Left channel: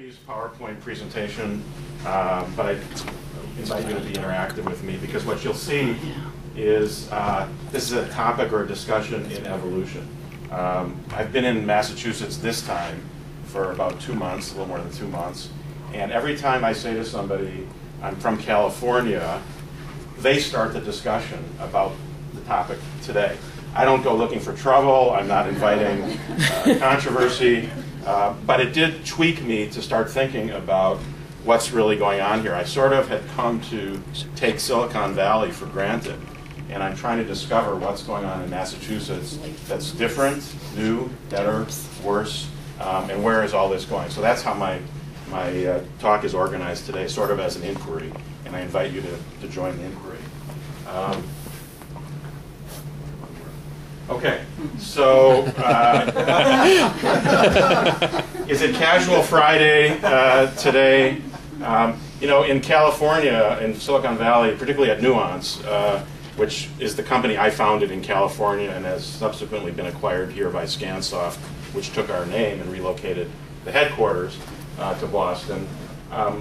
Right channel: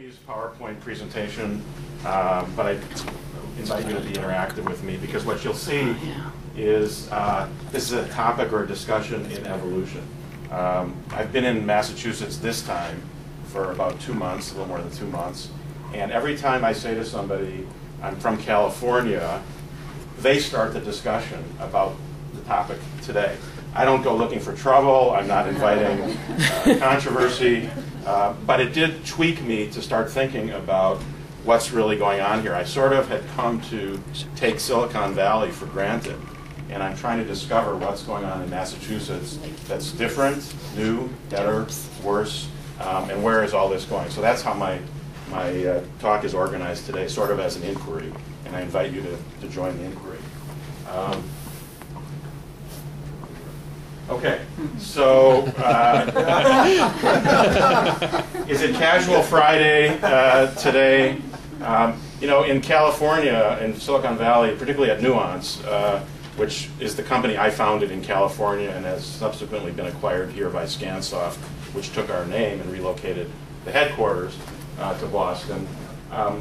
company's PowerPoint presentation, but I invite you to be interactive with me, because what you'll see is this is a topic or a discussion in evolution. I've been in Massachusetts this time for about 2 months, a little more than 2 months, and every time I say to somebody, I'm from California, they start the discussion about the topic today. I don't go looking for trouble, I'm not inviting controversy, but it did tweak me to start thinking about what's really going on here. I sort of had come to take Silicon Valley for granted, and I'm trying to discover what's going on in Massachusetts that's different, new, better, worse, and where is all this going. So that's how my talk is organized today, sort of as an inquiry, and I invite you to join the inquiry. Okay, so is it Casual Friday today? You know, in California, in Silicon Valley, particularly at Nuance, which is the company I founded in California and has subsequently been acquired here by Scansoft, which took our name and relocated the headquarters to Boston.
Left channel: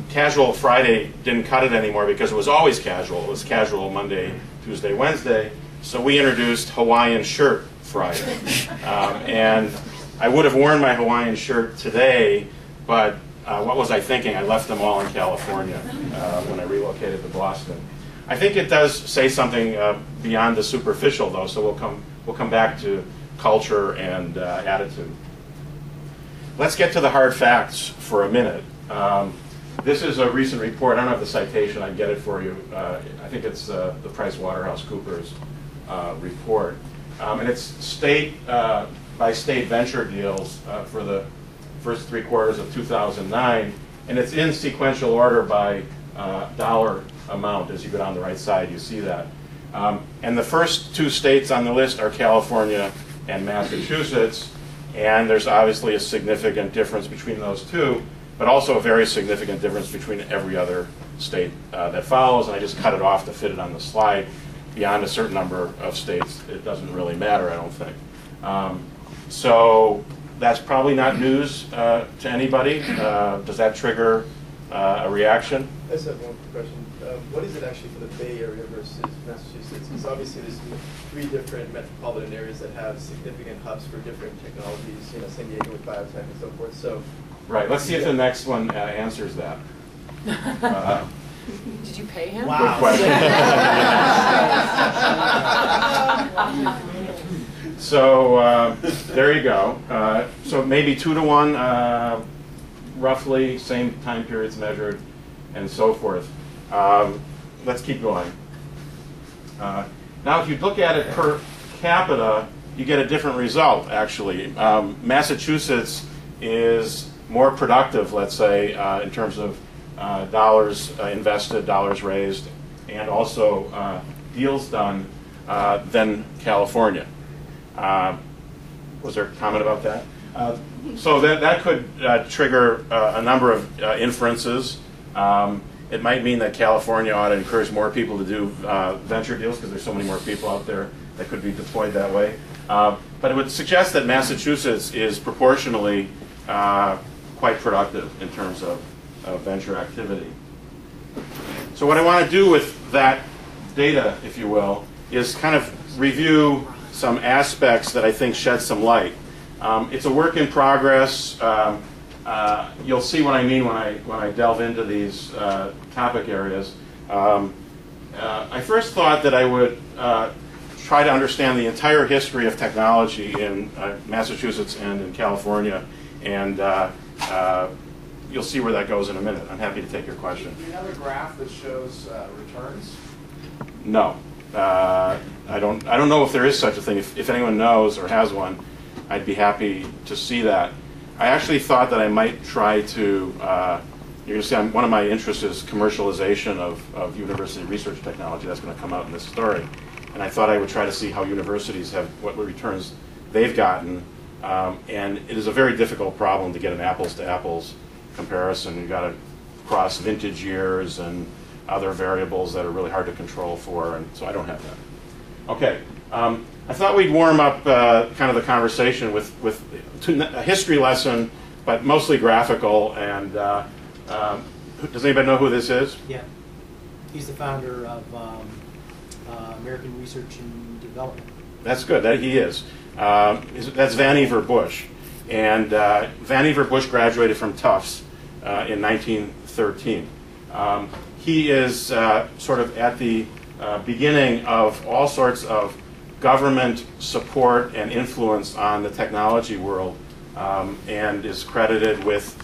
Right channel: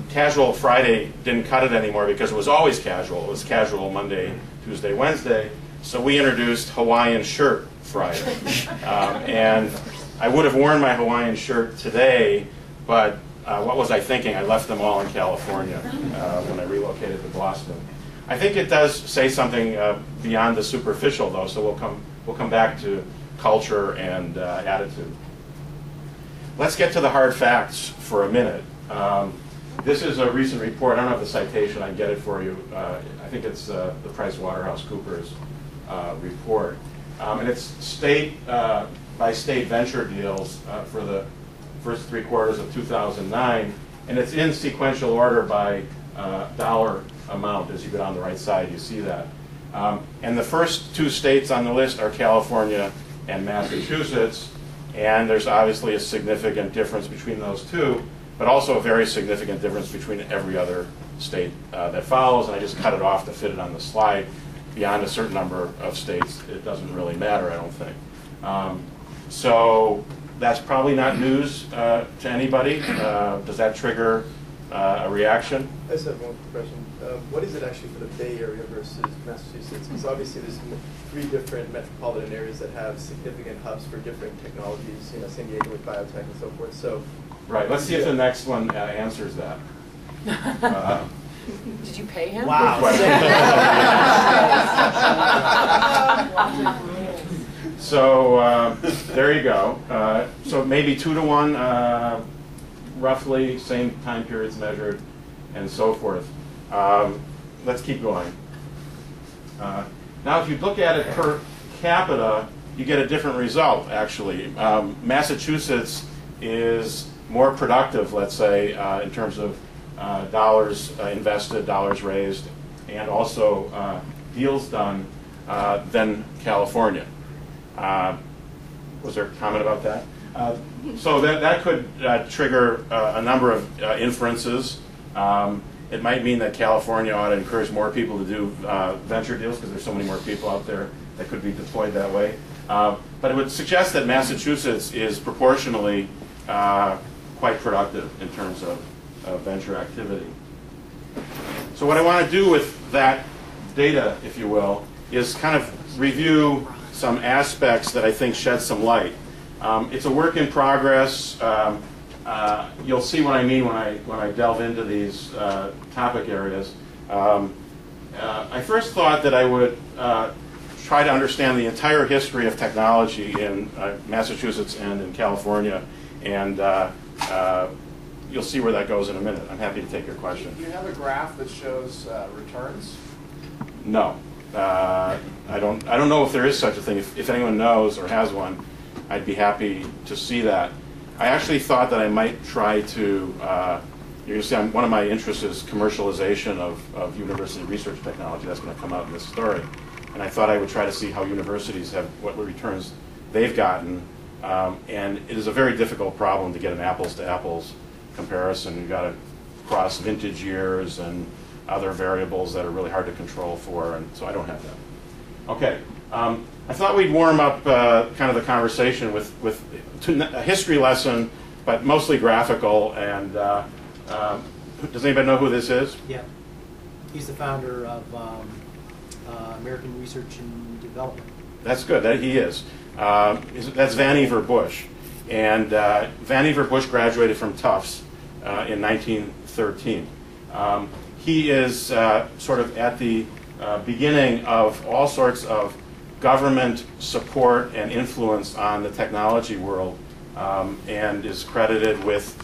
Casual Friday didn't cut it anymore because it was always casual. It was casual Monday, Tuesday, Wednesday. So we introduced Hawaiian Shirt Friday. And I would have worn my Hawaiian shirt today, but what was I thinking? I left them all in California when I relocated to Boston. I think it does say something beyond the superficial, though, so we'll come back to culture and attitude. Let's get to the hard facts for a minute. This is a recent report. I don't have the citation. I can get it for you. I think it's the PricewaterhouseCoopers report. And it's state by state venture deals for the first 3 quarters of 2009. And it's in sequential order by dollar amount. As you go down the right side, you see that. And the first 2 states on the list are California and Massachusetts. And there's obviously a significant difference between those 2, but also a very significant difference between every other state that follows. And I just cut it off to fit it on the slide. Beyond a certain number of states, it doesn't really matter, I don't think. So that's probably not news to anybody. Does that trigger a reaction? I just have one question. What is it actually for the Bay Area versus Massachusetts? Because obviously there's 3 different metropolitan areas that have significant hubs for different technologies, you know, San Diego with biotech and so forth. So, right, let's see if the next one answers that. Did you pay him? Wow. Good question. So there you go. So maybe 2 to 1, roughly, same time periods measured, and so forth. Let's keep going. Now, if you look at it per capita, you get a different result, actually. Massachusetts is more productive, let's say, in terms of dollars invested, dollars raised, and also deals done than California. Was there a comment about that? So that could trigger a number of inferences. It might mean that California ought to encourage more people to do venture deals because there's so many more people out there that could be deployed that way. But it would suggest that Massachusetts is proportionally quite productive in terms of venture activity. So what I want to do with that data, if you will, is kind of review some aspects that I think shed some light. It's a work in progress. You'll see what I mean when I delve into these topic areas. I first thought that I would try to understand the entire history of technology in Massachusetts and in California, and you'll see where that goes in a minute. I'm happy to take your question. Do you have a graph that shows returns? No, I don't know if there is such a thing. If anyone knows or has one, I'd be happy to see that. I actually thought that I might try to. You're going to see one of my interests is commercialization of university research technology. That's going to come out in this story, and I thought I would try to see how universities have what returns they've gotten. And it is a very difficult problem to get an apples to apples comparison. You've got to cross vintage years and other variables that are really hard to control for, and so I don't have that. Okay, I thought we'd warm up kind of the conversation with a history lesson, but mostly graphical. And does anybody know who this is? Yeah. He's the founder of American Research and Development. That's good. He is. That's Vannevar Bush. And Vannevar Bush graduated from Tufts in 1913. He is sort of at the beginning of all sorts of government support and influence on the technology world, and is credited with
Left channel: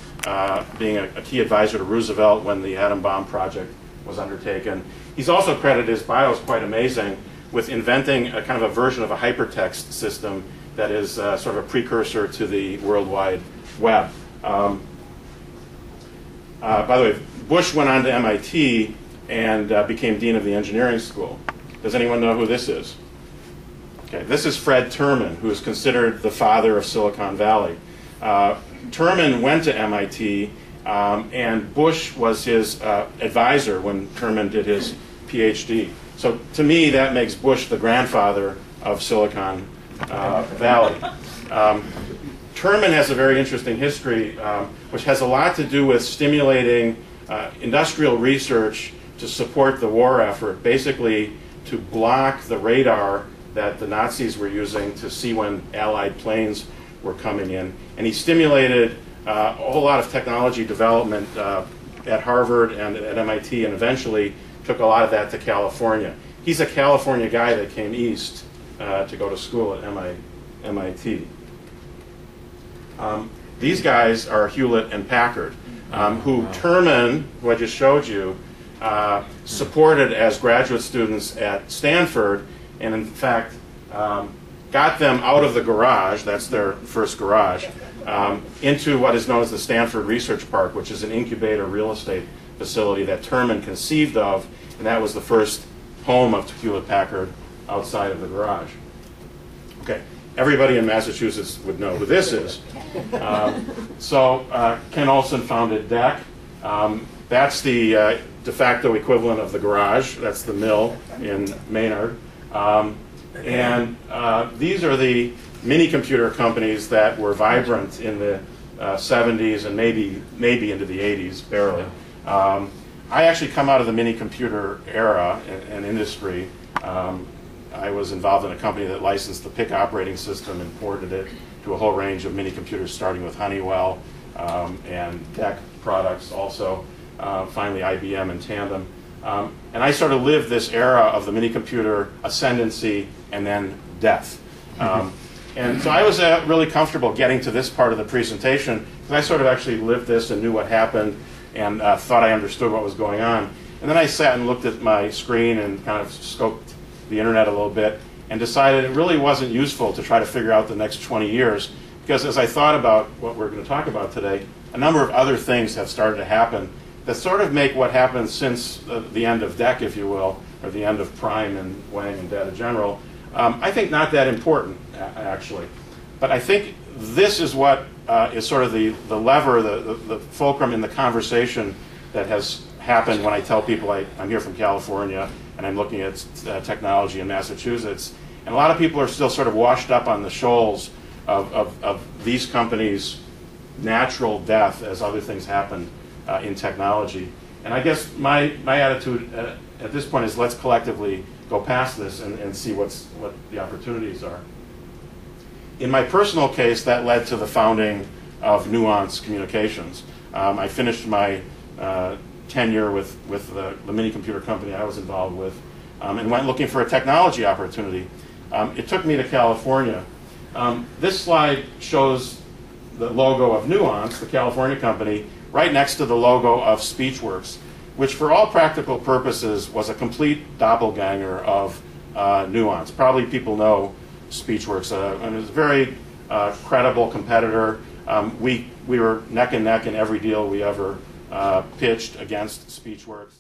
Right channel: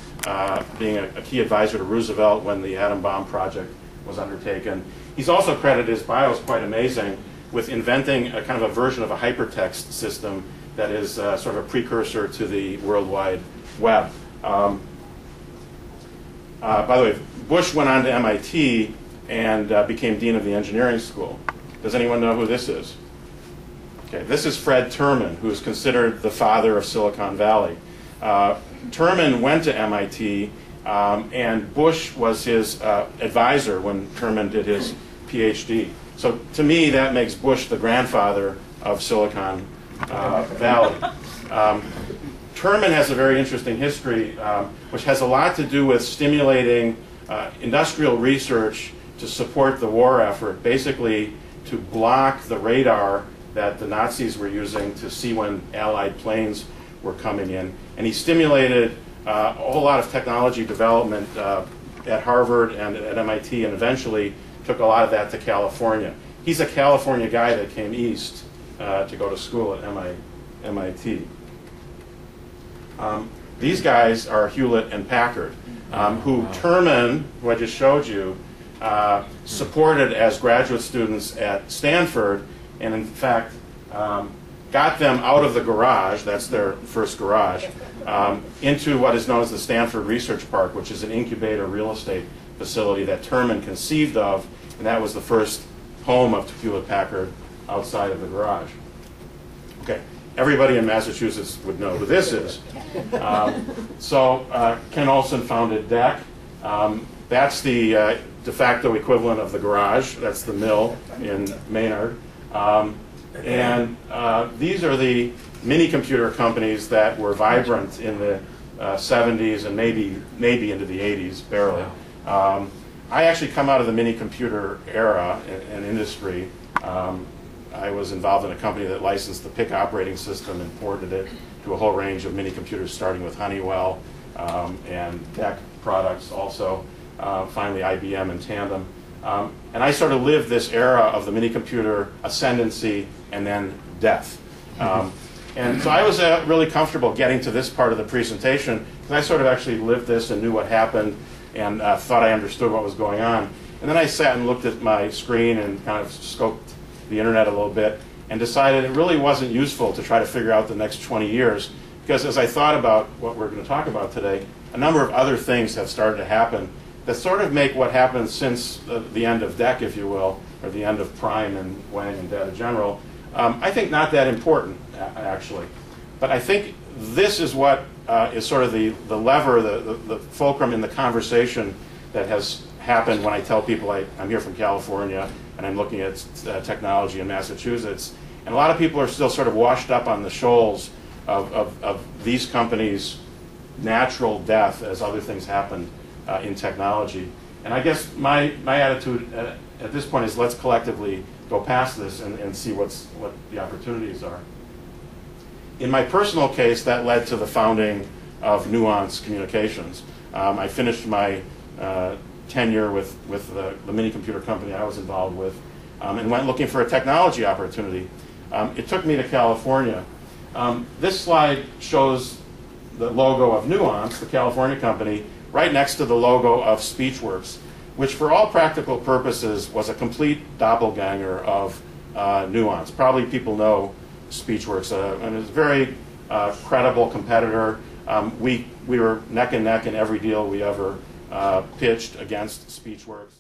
being a key advisor to Roosevelt when the atom bomb project was undertaken. He's also credited, his bio is quite amazing, with inventing a kind of a version of a hypertext system that is sort of a precursor to the World Wide Web. By the way, Bush went on to MIT and became dean of the engineering school. Does anyone know who this is? Okay, this is Fred Terman, who is considered the father of Silicon Valley. Terman went to MIT, and Bush was his advisor when Terman did his PhD. So to me, that makes Bush the grandfather of Silicon Valley. Terman has a very interesting history, which has a lot to do with stimulating industrial research to support the war effort, basically to block the radar that the Nazis were using to see when Allied planes were coming in. And he stimulated a whole lot of technology development at Harvard and at MIT, and eventually took a lot of that to California. He's a California guy that came east to go to school at MIT. These guys are Hewlett and Packard, who Terman, who I just showed you, supported as graduate students at Stanford, and in fact got them out of the garage, that's their first garage, into what is known as the Stanford Research Park, which is an incubator real estate facility that Terman conceived of, and that was the first home of Hewlett Packard outside of the garage. Okay, everybody in Massachusetts would know who this is. Ken Olson founded DEC. That's the de facto equivalent of the garage. That's the mill in Maynard. These are the mini computer companies that were vibrant in the 70s and maybe into the 80s, barely. I actually come out of the mini computer era and industry. I was involved in a company that licensed the PIC operating system and ported it to a whole range of mini computers, starting with Honeywell and DEC products also, finally IBM and Tandem. And I sort of lived this era of the mini computer ascendancy and then death. And so I was really comfortable getting to this part of the presentation because I sort of actually lived this and knew what happened and thought I understood what was going on. And then I sat and looked at my screen and kind of scoped the internet a little bit and decided it really wasn't useful to try to figure out the next 20 years because as I thought about what we're going to talk about today, a number of other things have started to happen that sort of make what happened since the end of DEC, if you will, or the end of Prime and Wang and Data General, I think not that important, actually. But I think this is what is sort of the lever, the fulcrum in the conversation that has happened when I tell people I'm here from California and I'm looking at technology in Massachusetts. And a lot of people are still sort of washed up on the shoals of these companies' natural death as other things happen in technology. And I guess my attitude at this point is let's collectively go past this and see what the opportunities are. In my personal case, that led to the founding of Nuance Communications. I finished my tenure with the mini computer company I was involved with and went looking for a technology opportunity. It took me to California. This slide shows the logo of Nuance, the California company, right next to the logo of SpeechWorks, which for all practical purposes was a complete doppelganger of Nuance. Probably people know SpeechWorks, and it's a very credible competitor. We were neck and neck in every deal we ever pitched against SpeechWorks.